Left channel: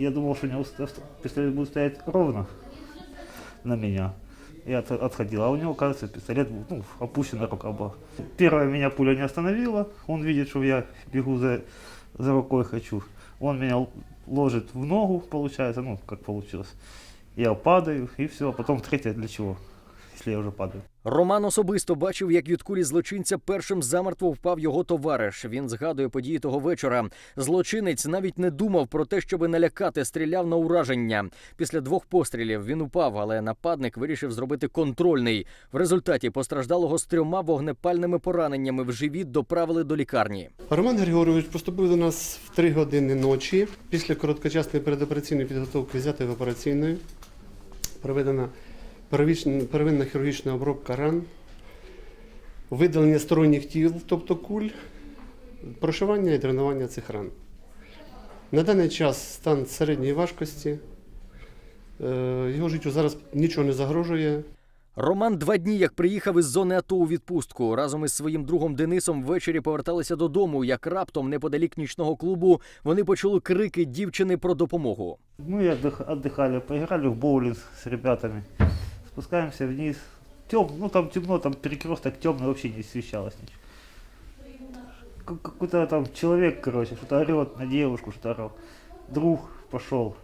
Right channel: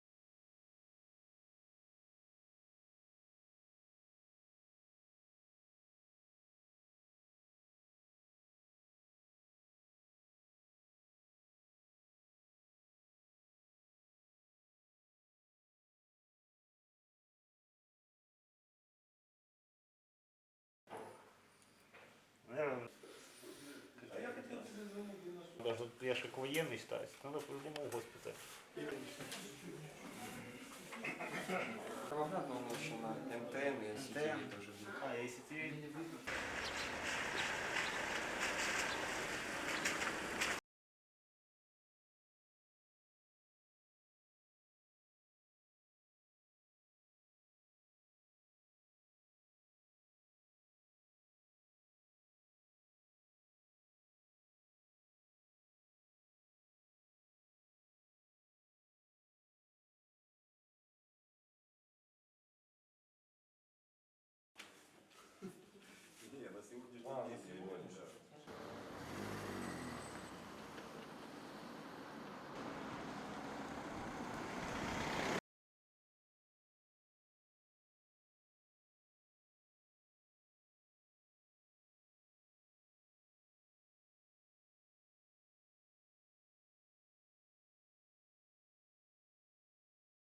Я думал, что у него ст- пистолет будет стоять ровно на меня. Я от- отходил, а у него, кажется, пистолет был, ну, опущена рука была. Первая меня пуля не остановила, он видит, что я бегу за, за рукой хочу. Он меня ложит в ногу, получается, ну, как получилось. Я падаю, и все. Потом третья для чего, если я уже падаю. Роман особисто бачив, як від кулі злочинця першим замертво впав його товариш. Він згадує події того вечора. Злочинець навіть не думав про те, щоби налякати, стріляв на ураження. Після двох пострілів він упав, але нападник вирішив зробити контрольний. В результаті постраждалого з трьома вогнепальними пораненнями в живіт доправили до лікарні. Роман Григорович поступив до нас в 3 години ночі. Після короткочасної передопераційної підготовки взятої в операційної. Проведена первинна хірургічна обробка ран, видалення сторонніх тіл, тобто куль, прошивання і дренування цих ран. На даний час стан середньої важкості. Е, Його життю зараз нічого не загрожує. Роман два дні як приїхав із зони АТО у відпустку. Разом із своїм другом Денисом ввечері поверталися додому. Як раптом, неподалік нічного клубу, вони почули крики дівчини про допомогу. Мы отдых- отдыхали, поиграли в боулинг с ребятами. Спускаемся вниз. Тем, ну там темно, там перекресток темный, вообще не освещалось ничего. Как- Какой-то там человек, короче, что-то орет на девушку, что-то орал. Друг пошел.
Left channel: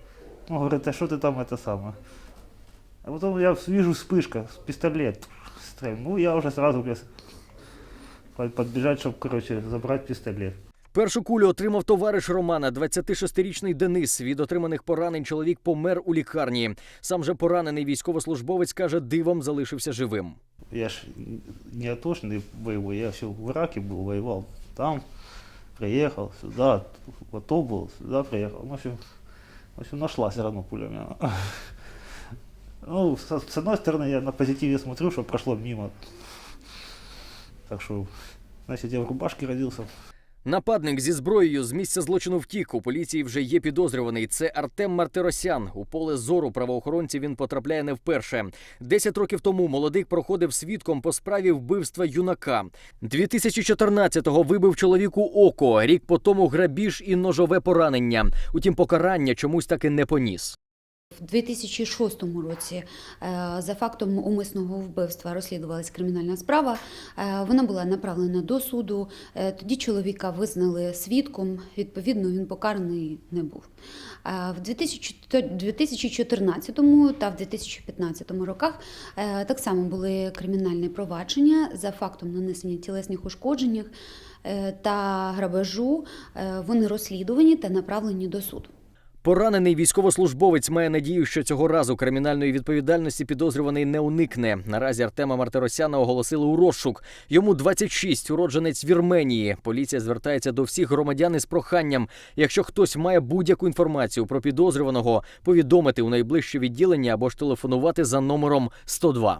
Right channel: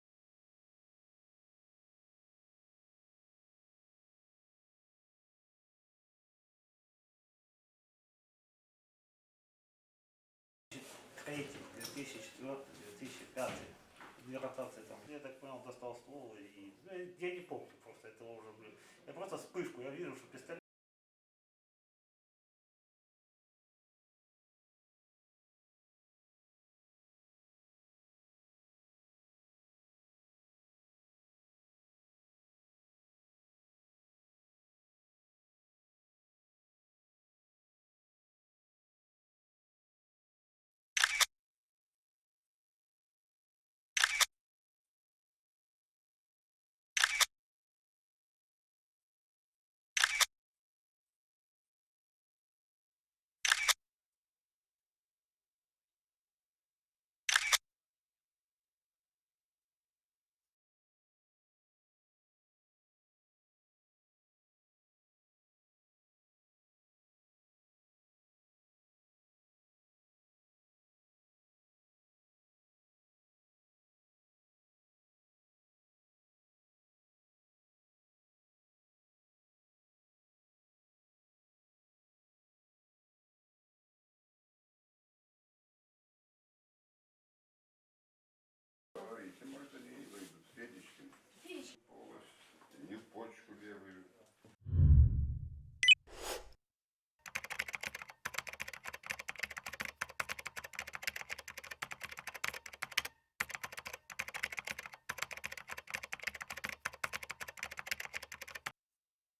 Ну, говорит, а что ты там это самое? А потом я вижу вспышка, пистолет. Ну, я уже сразу блядь, под- подбежать, чтобы, короче, забрать пистолет. Першу кулю отримав товариш Романа, 26-річний Денис. Від отриманих поранень чоловік помер у лікарні. Сам же поранений військовослужбовець каже, дивом залишився живим. Я ж не атошный боевой, я все в Ираке был, воевал там, приехал сюда, в АТО был, сюда приехал. Ну, В общем, в общем нашла все равно пуля у меня. Ну, с, с одной стороны, я на позитиве смотрю, что прошло мимо. Так что, значит, я в рубашке родился. Нападник зі зброєю з місця злочину втік. У поліції вже є підозрюваний. Це Артем Мартиросян. У поле зору правоохоронців він потрапляє не вперше. Десять років тому молодик проходив свідком по справі вбивства юнака. 2014-го вибив чоловіку око. Рік по тому грабіж і ножове поранення. Утім, покарання чомусь таки не поніс. В 2006 році е, за фактом умисного вбивства розслідувалась кримінальна справа. Е, Вона була направлена до суду. Е, Тоді чоловіка визнали свідком. Відповідно, він покараний не був. В 2014 та в 2015 роках так само були кримінальні провадження за фактом нанесення тілесних ушкоджень та грабежу. Вони розслідувані та направлені до суду. Поранений військовослужбовець має надію, що цього разу кримінальної відповідальності підозрюваний не уникне. Наразі Артема Мартиросяна оголосили у розшук. Йому 26, уродженець Вірменії. Поліція звертається до всіх громадян із проханням. Якщо хтось має будь-яку інформацію про підозрюваного, повідомити у найближче відділення або ж телефонувати за номером 102.